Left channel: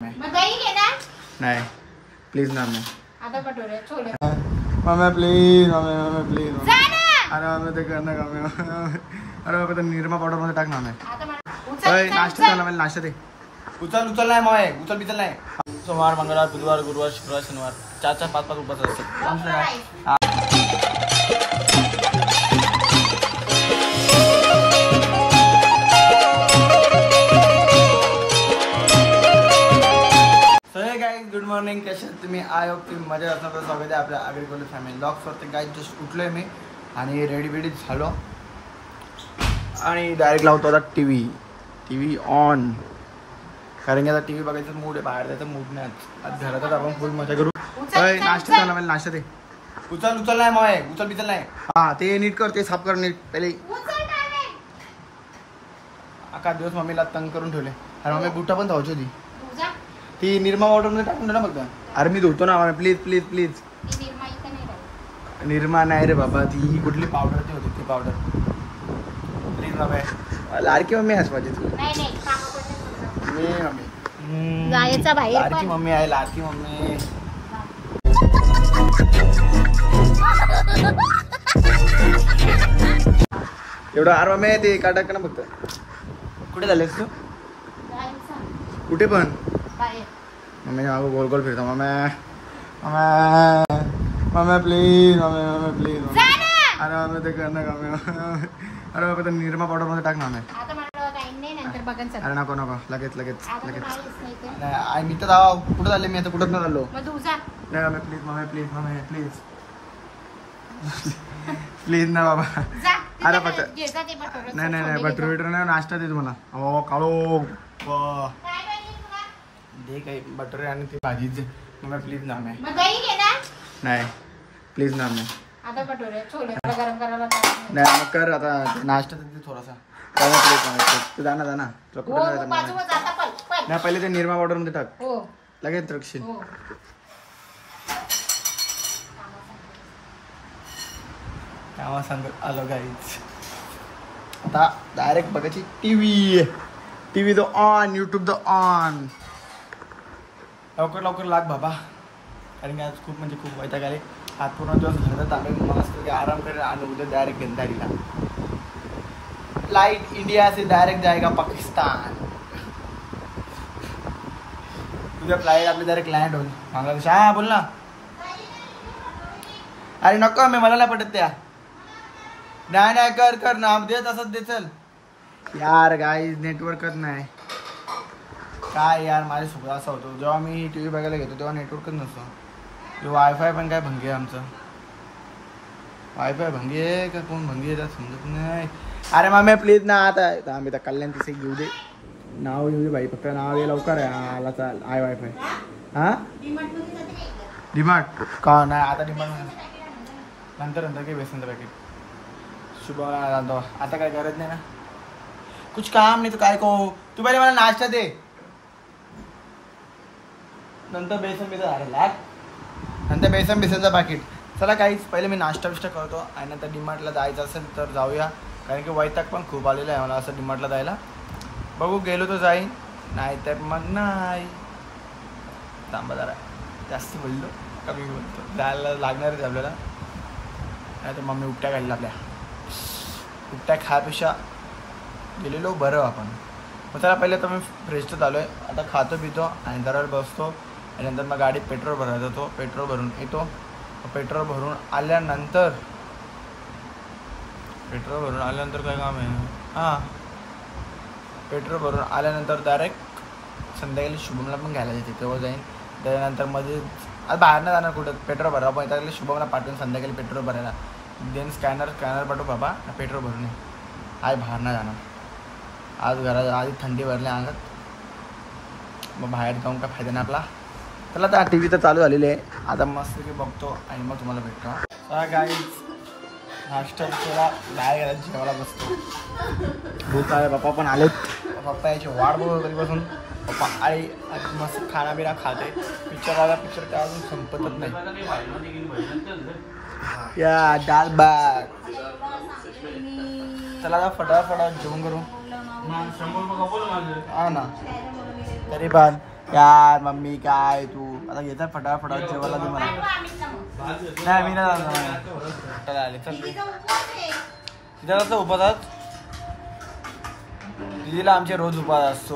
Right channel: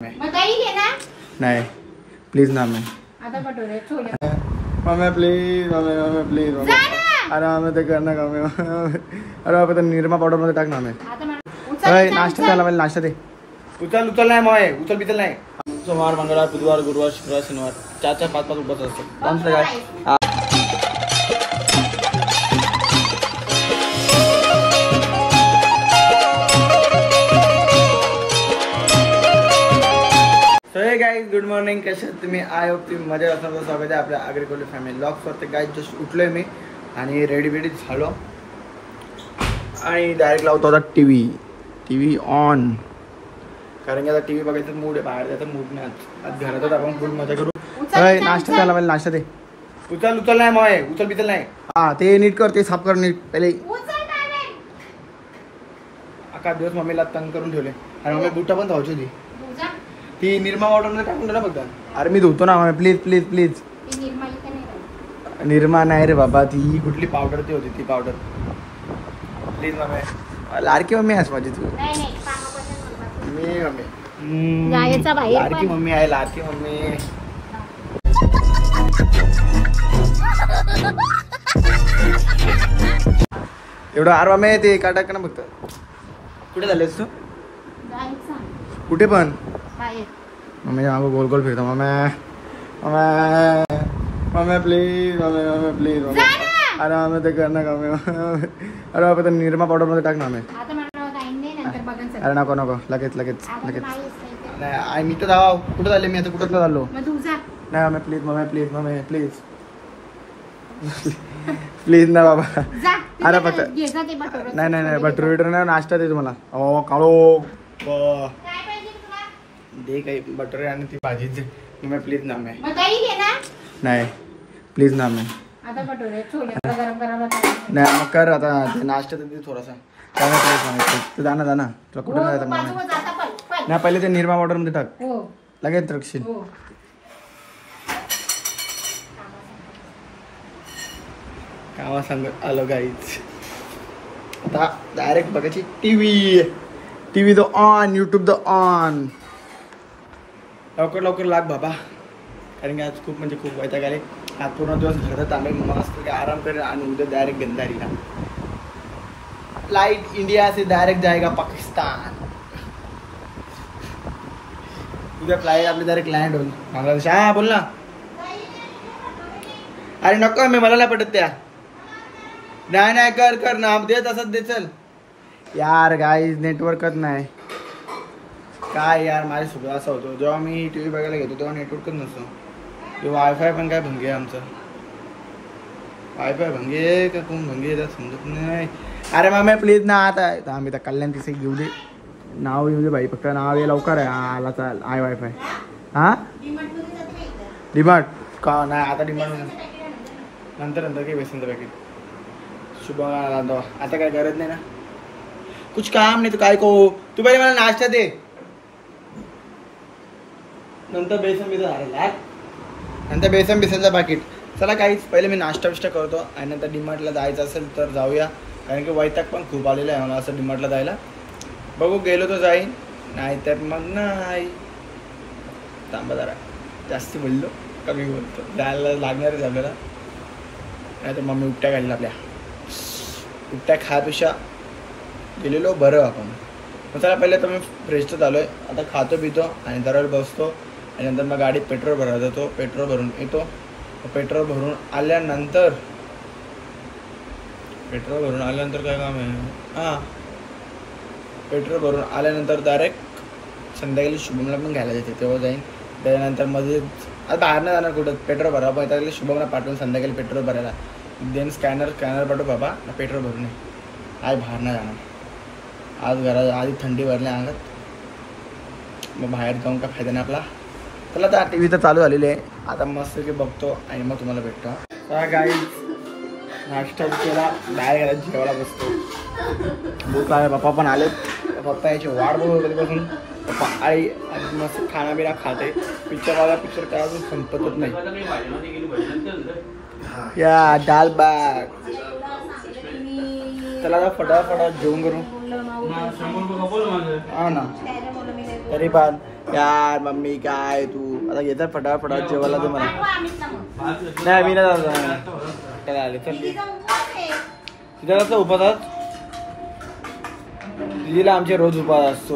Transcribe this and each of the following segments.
नहीं प्लीज ना mummy please mummy please अरे मम्मी ते करना का अरे बाबा तो निरमा पावडर मध्ये टाक ना नाश्ता झाला मला नाश्ता दे उचल नाही मग उचल बिचल नाही सोमवार मंगळवार बुधवार गुरुवार शुक्रवार शनिवार 4-5 उपवास असतात आमचं काय गाइस गुड मॉर्निंग कसे तुम्ही आय होप तुम्ही मजेत असणार स्वागत आहे आपल्या ॲग्रिकल्चर फॅमिली ब्लॉग्स वरती गाइस जस्ट उठलोय मी आणि रेडी बेडी झालो आणि डायरेक्ट लावतो आता टीव्ही ऑन कारण की आता टीव्ही बघायचं मूड आहे बाहेर जायचं मूड नाही आज घरातच आपण फुल मजा करू नाश्ता झाला मला नाश्ता दे उचल नाही मग उचल बिचल नाही हा ते नीट कर ते साफ कर नीट पहिले अख्खा दिवस मम्मीला तंग करून ठेवले आणि मम्मी बुटा पण धावची होती ती निरमा वॉटर मध्ये टाकून दिलं फक्त अरे मी धुतो ना प्लीज प्लीज प्लीज निरमा नाही रे बाबा ती कुठली पावडर ती होती ती powder please mummy Ladki mummy आहेस माझी मी मम्मी लाडकी मम्मी आहे लाडकी मम्मी एवढं अरे मम्मी ते एका टाकणं फक्त कुठे झालेस तू कुठे पण मम्मी आम्ही गोल गोल फिरतो मम्मी प्लीज मम्मी प्लीज अरे मम्मी ते करना का अरे बाबा तो निरमा पावडर मध्ये टाक ना अरे नको लगेच नाही मी तर जाऊ कुठं झाले मी आता कुठं चाललो नाही मम्मी प्लीज प्लीज ना बाबा अरे फक्त नाही बटर नाही नाश्ता दे तुम्हाला काळो दे काही बटर आणि ती भाजी दे मम्मी प्लीज ना नाही प्लीज ना नाही कर आता नाश्ता दे थोडासा जाना तुला कुठं जायचं नाही पहिले ते निरमा वॉटर मध्ये टाक लगेच रक्षील कामा सांगत आलो गाईच आता डायरेक्ट बघायची टीव्ही तो ऑन यूट्यूब द ऑन लवकर लाग बाबा कारण की आज खूप म्हणजे खूप वैताग आले आज पूर्ण दिवस घरात आले मस्त आराम करेल आणि उद्या डायरेक्ट गंधारीला फ्लाइट इंडिया से डायरेक्ट जाएगा पाकिस्तान उद्या फ्लाइट आपली डायरेक्ट लँड होईल बांगलादेश हा बोल ना अरे नको मी मला नाही पटत त्या नाही कर ना दे तसंच दे चल यार गाईज नेटवर्कच नाही काय यार माझ्यासोबत असं होतं जेव्हा मी टीव्ही बघायला घेतो तेव्हा नेटवर्कच नसतो तेव्हा वायफाय पण काय भंगे आमचं वायफाय भंगे का कोण भंगे येतात समजत नाही अरे मम्मी प्लीज ना आता आम्ही तर कल्याण तिथे घेऊ दे नाव येऊ दे भाई फक्त नाव ये लवकर आहे आला चाल आय वायफाय हा डिमार्ट का नाही आता डिमार्ट नंतर काही बेसन पॅकेट शुभ आता काय गरज नाही ना कुछ काम नाही तू काय को तू पहिले मला नाश्ता दे नंतर बेसन बिसनचं पाकिट चला काहीच पहिले मी नाश्ता करतो आणि नंतर डीमार्टला जायचं असेल तर जाऊया कारण की वैताग पण खूप आलेलं आहे मला असं डीमार्टला जायला बघू गेलो तर जाईन नाहीतर मग नाही थांबा जरा जास्ती बोललो कमी बोलतो जायला लागणारच आपल्याला नाहीतर मम्मी उपट्या काढल्या आपल्या उपट्या खायपेक्षा गेलेलो बरं आपण मग चला पहिले तर मी फ्रेश तर झालो आहे आता खातो पितो आणि दरवेळ बसतो आणि नंतर मग गाडीत पेट्रोल भरायला जातो पेट्रोल भरून येतो पेट्रोल भरून आल्यानंतर काय काम आहे हां पेट्रोल भरून आल्यानंतर डायरेक्ट संध्याकाळी शुभमला पण घ्यायला देते तेव्हा जाईन त्याच्यानंतर मध्ये आज बाहेर नाही जाणार कुठं पेट्रोल भरावं पण त्याला शुभमला पाठवून संध्याकाळी पेट्रोल भरायला देन स्कॅनर पाठव बाबा पेट्रोल भरून ये आज बाहेर नाही जाणार आज घरात आधी थंडी भरली अंगात मग बाहेर जाऊन काय फायदा नाही आपला चला आता टीव्ही तर चालू झालेली आहे आता मस्त की बघतो आणि मग तुम्हाला भेटतो गाई नाश्ता केला डायरेक्ट जेवायला बसतो देतो आणि पप्पा पण आलेत पप्पा याची वाट बघतो कधीपासून पप्पा आई आज मस्त खानापिना खाते पिक्चर काय अजून संपतच नाही या दाल भात चला आता फटाफट जेवण करू हो ना तरी पण यार मम्मी काय तू आता घेतात फटाफट जेवायला दे मला. नाही मी नाही जातो त्याला आले चल तिथं उपवास दिदीला आमचे रोज उपवास असतो.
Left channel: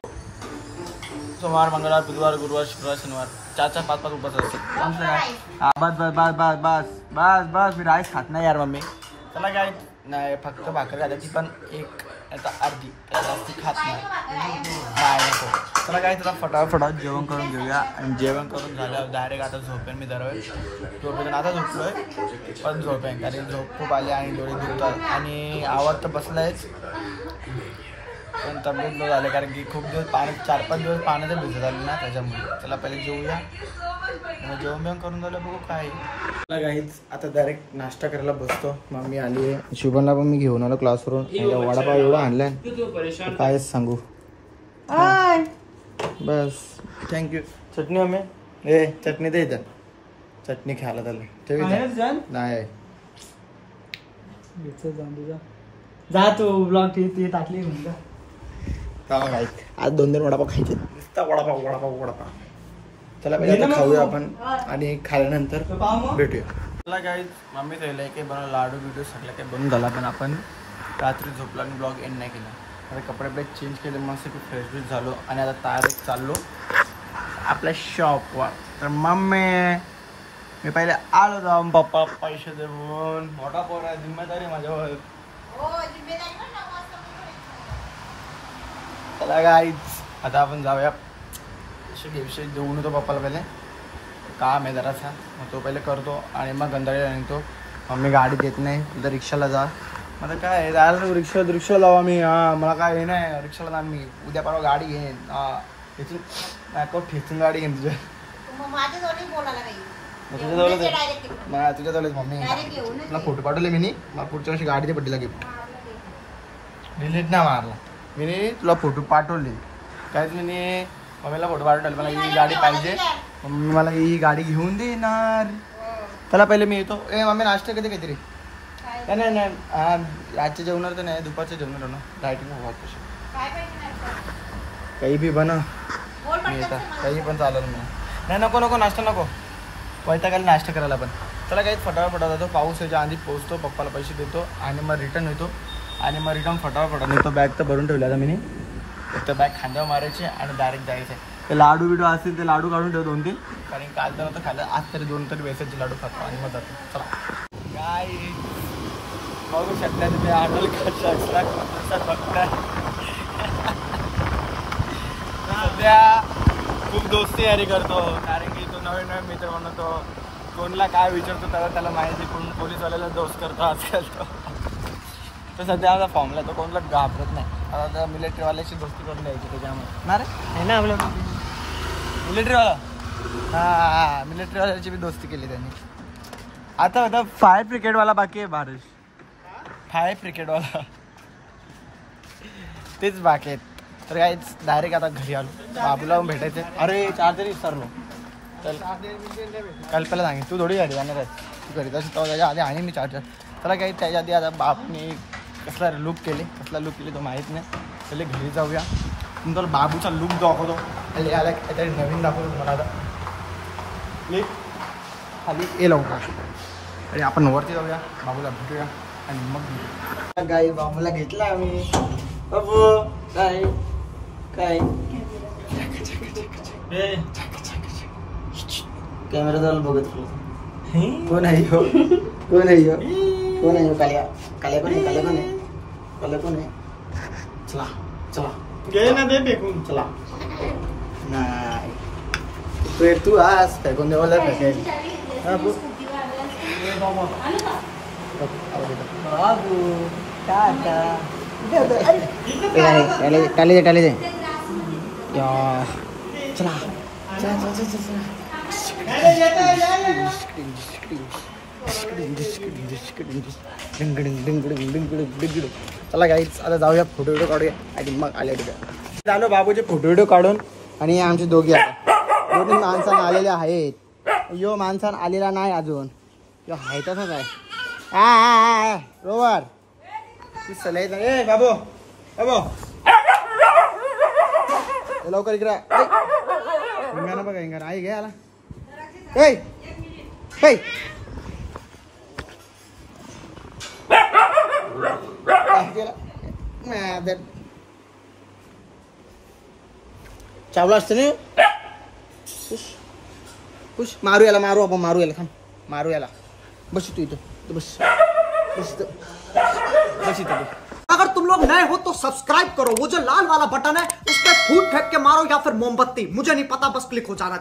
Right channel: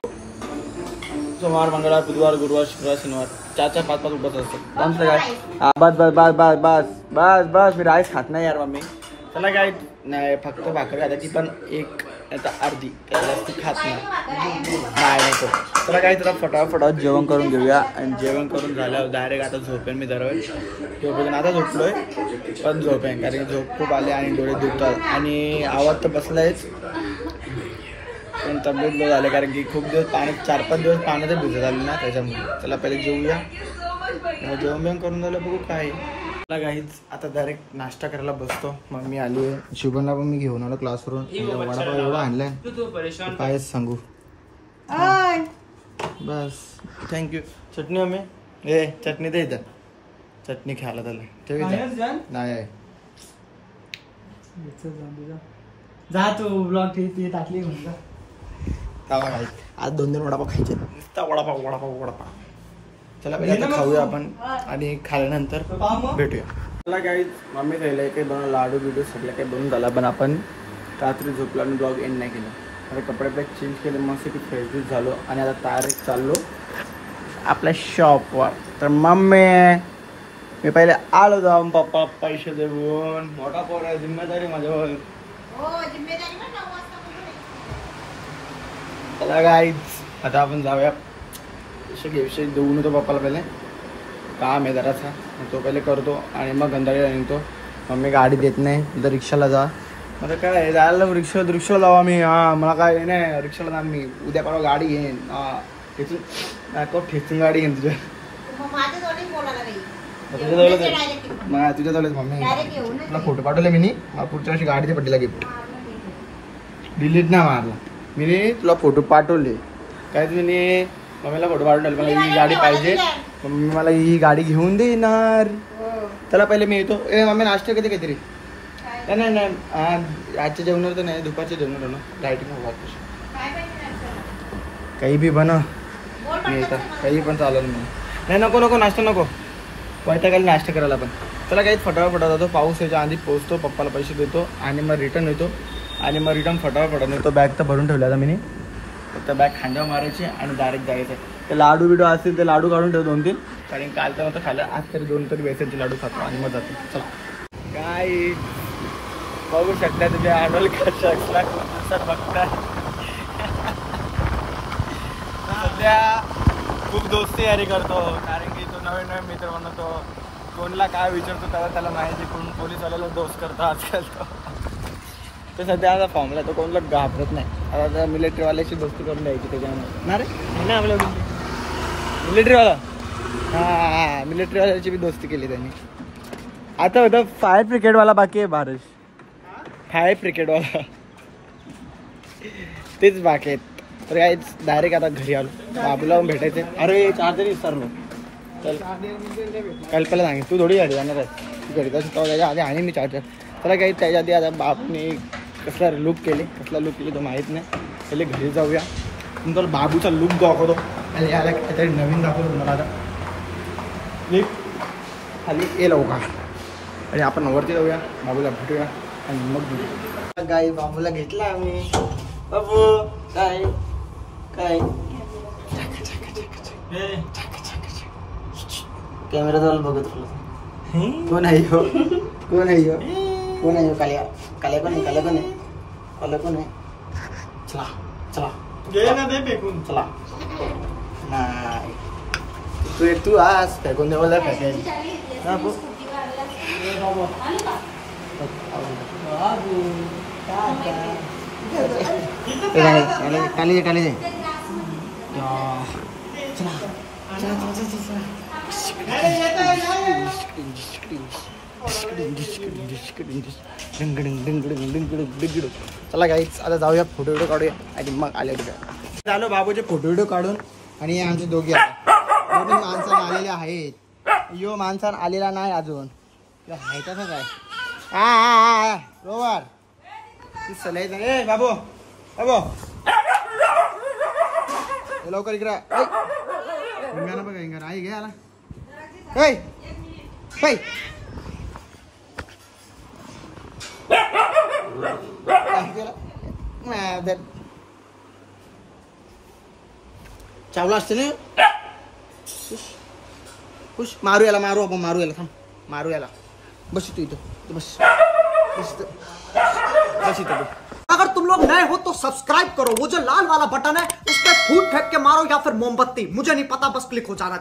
सोमवार मंगळवार बुधवार गुरुवार शुक्रवार शनिवार 4-4 5-5 उपवास असतात आमचं काय. बस बस बस बस बस बस बस मी राईस खात नाही यार मम्मी. चला काय नाही फक्त भाकर खाता ती पण एक आता अर्धी जास्त खात नाही नको. चला काय तर फटाफट जेवण करून घेऊया आणि जेवण करून झाल्यावर डायरेक्ट आता झोपेन मी जरा झोपेन. आता झोपलोय पण झोपेन कारण झोप खूप आले आणि डोळे दुखतात आणि आवाज तर बसलायच पण तब्येत लो झाले कारण की खूप दिवस पाणी 4-5 दिवस पाण्यात भिजत आले ना त्याच्यामुळे. चला पहिले जेवूया जेवण बिवण करून झालं बघू काय. मला काहीच आता डायरेक्ट नाश्ता करायला बसतो. मम्मी आली आहे शिवनला पण मी घेऊन आलो क्लासवरून. वडापाव एवढा आणलाय काय सांगू. बस थँक्यू. चटणी मम्मी ए चटणी दे इथं चटणी खायला त्याला ठेव नाही जा तू ब्लॉग टाकली आज 2 वडापाव खायचे नुसता वडापाव. चला पहिले आता खाऊया आपण आणि खाल्यानंतर भेटूया. मला काही मम्मी खायला काही बनवलं लाडू बिडू सगळं काही बनवून झाला पण आपण रात्री झोपला आणि ब्लॉग एंड नाही केला. आता कपडे चेंज केले मस्त की फ्रेश झालो आणि आता तयार चाललो आपल्या शॉपवर. तर मम्मी मी पहिले आलो जाऊन पप्पा पैसे देऊन मोठा पोर आहे जिम्मेदारी माझ्यावर. चला गाईज आता आपण जाऊया विषय देऊन येतो पप्पाला. पहिले काम आहे जरासा तो पहिले करतो आणि मग गंधाळीला निघतो. मम्मी गाडी देत नाही तर रिक्षाला जा. मग काय जायला रिक्षा लावा मी. मला काय नाही रिक्षाला जा मी उद्या परवा गाडी घेईन ठेचून गाडी घेईन तुझ्या तुझ्याजवळ. मम्मी मला फोटो पाठवले मी मला पुढच्या वर्षी गाडीच्या बड्डेला गिफ्ट डिलीट नाही मारला मी तुला फोटो पाठवले काय मी मम्मीला फोटो पाठवले मला ही गाडी पाहिजे मम्मी मला ही गाडी घेऊन देणार. त्याला पहिले मी येतो ए मम्मी नाश्ता कधी काहीतरी नाही आजच्या जेवणावर तर नाही दुपारच्या जेवणावर ना लाईटिंग काही बी बनव मी येतात काही पण चालेल नाही नको नाश्ता नको वैतागायला नाश्ता करायला पण. चला काही फटाफट जातो पाऊस याच्या आधी पोहोचतो पप्पाला पैसे देतो आणि मग रिटर्न येतो आणि मग रिटर्न फटाफट नेतो. बॅग तर भरून ठेवला मी फक्त बॅग खांद्यावर मारायचे आणि डायरेक्ट जायचं. ते लाडू बिडू असतील ते लाडू काढून ठेवतो 2-3 कारण काल तर आता खायला आज तरी 2 तरी बेसनचे लाडू खातो आणि मग जातो. चला काय बघू शकता तिथे आडोल सध्या खूप दोस्ती यारी करतो कारण की तो नवीन मित्र बनवतो. कोणला काय विचारतो त्याला माहिती कोण पोलीसवाल्याला दोस्त करतो आजकाल. तर सध्या आमचा फॉर्मला तो कोणला घाबरत नाही. आता मिलिटरीवाल्याची दोस्ती करून द्यायची त्याच्यामुळे ना रे ना आपलं मिलिटरीवाला हां मिलिटरीवाल्याची बी दोस्ती केली त्यांनी. आता होतं फायर ब्रिगेडवाला बाकी आहे बारश फायर ब्रिगेडवाला तेच बाकी आहेत. तर काय डायरेक्ट आता घरी आलो बाबूला भेटायचं. अरे चार्जर विसरलो चल कल्पना सांगेल तू थोडी गाडी जाणार आहे तू घरी कसं त्याच्या आधी आणि मी चार्जर. त्याला काही त्याच्या आधी आता बाबूने कसला लुक केले तो माहीत नाही. पहिले घरी जाऊया तुमचा बाबूचा लुक दाखवतो आणि याला काहीतरी नवीन दाखवतो मला क्लिप खाली ये लवकर आणि आपण वरती जाऊया बाबूला भेटूया आणि मग भेटूया. गाई बाबूला घेतला आम्ही बाबू काय काय कॅमेरा जवळ बघत कोण आहे हो कोण आहे हो कोण आहे काल्या काल्या कोण आहे काल्या कोण आहे काल्या कोण आहे. चला चला चला नाही तू आज फेकून देवाला फेकायला टाली दे चला चला गाईच आता जाऊया फोटो व्हिडिओ काढूया आणि मग आले कुठे झालो बाबूचे फोटो व्हिडिओ काढून. आणि आमचे दोघे दोन्ही माणसानं आलेले आहेत. यो माणसान आलेला नाही अजून यो हायचा ना काय रोवर ती सलायचं ए बाबू बाबू लवकर इकडे गाणं बघा आई घ्या ओय ओय चावला असते ना खुश मारू याला आपण मारू याला थांब मारू याला बस तू इथं बस बस इथं तू अगर तुम लोग नए हो तो सब्सक्राइब करो, वो जो लाल वाला बटन है उस पर फूट फेंक के मारो या फिर मोमबत्ती, मुझे नहीं पता, बस क्लिक हो जाना चाहिए।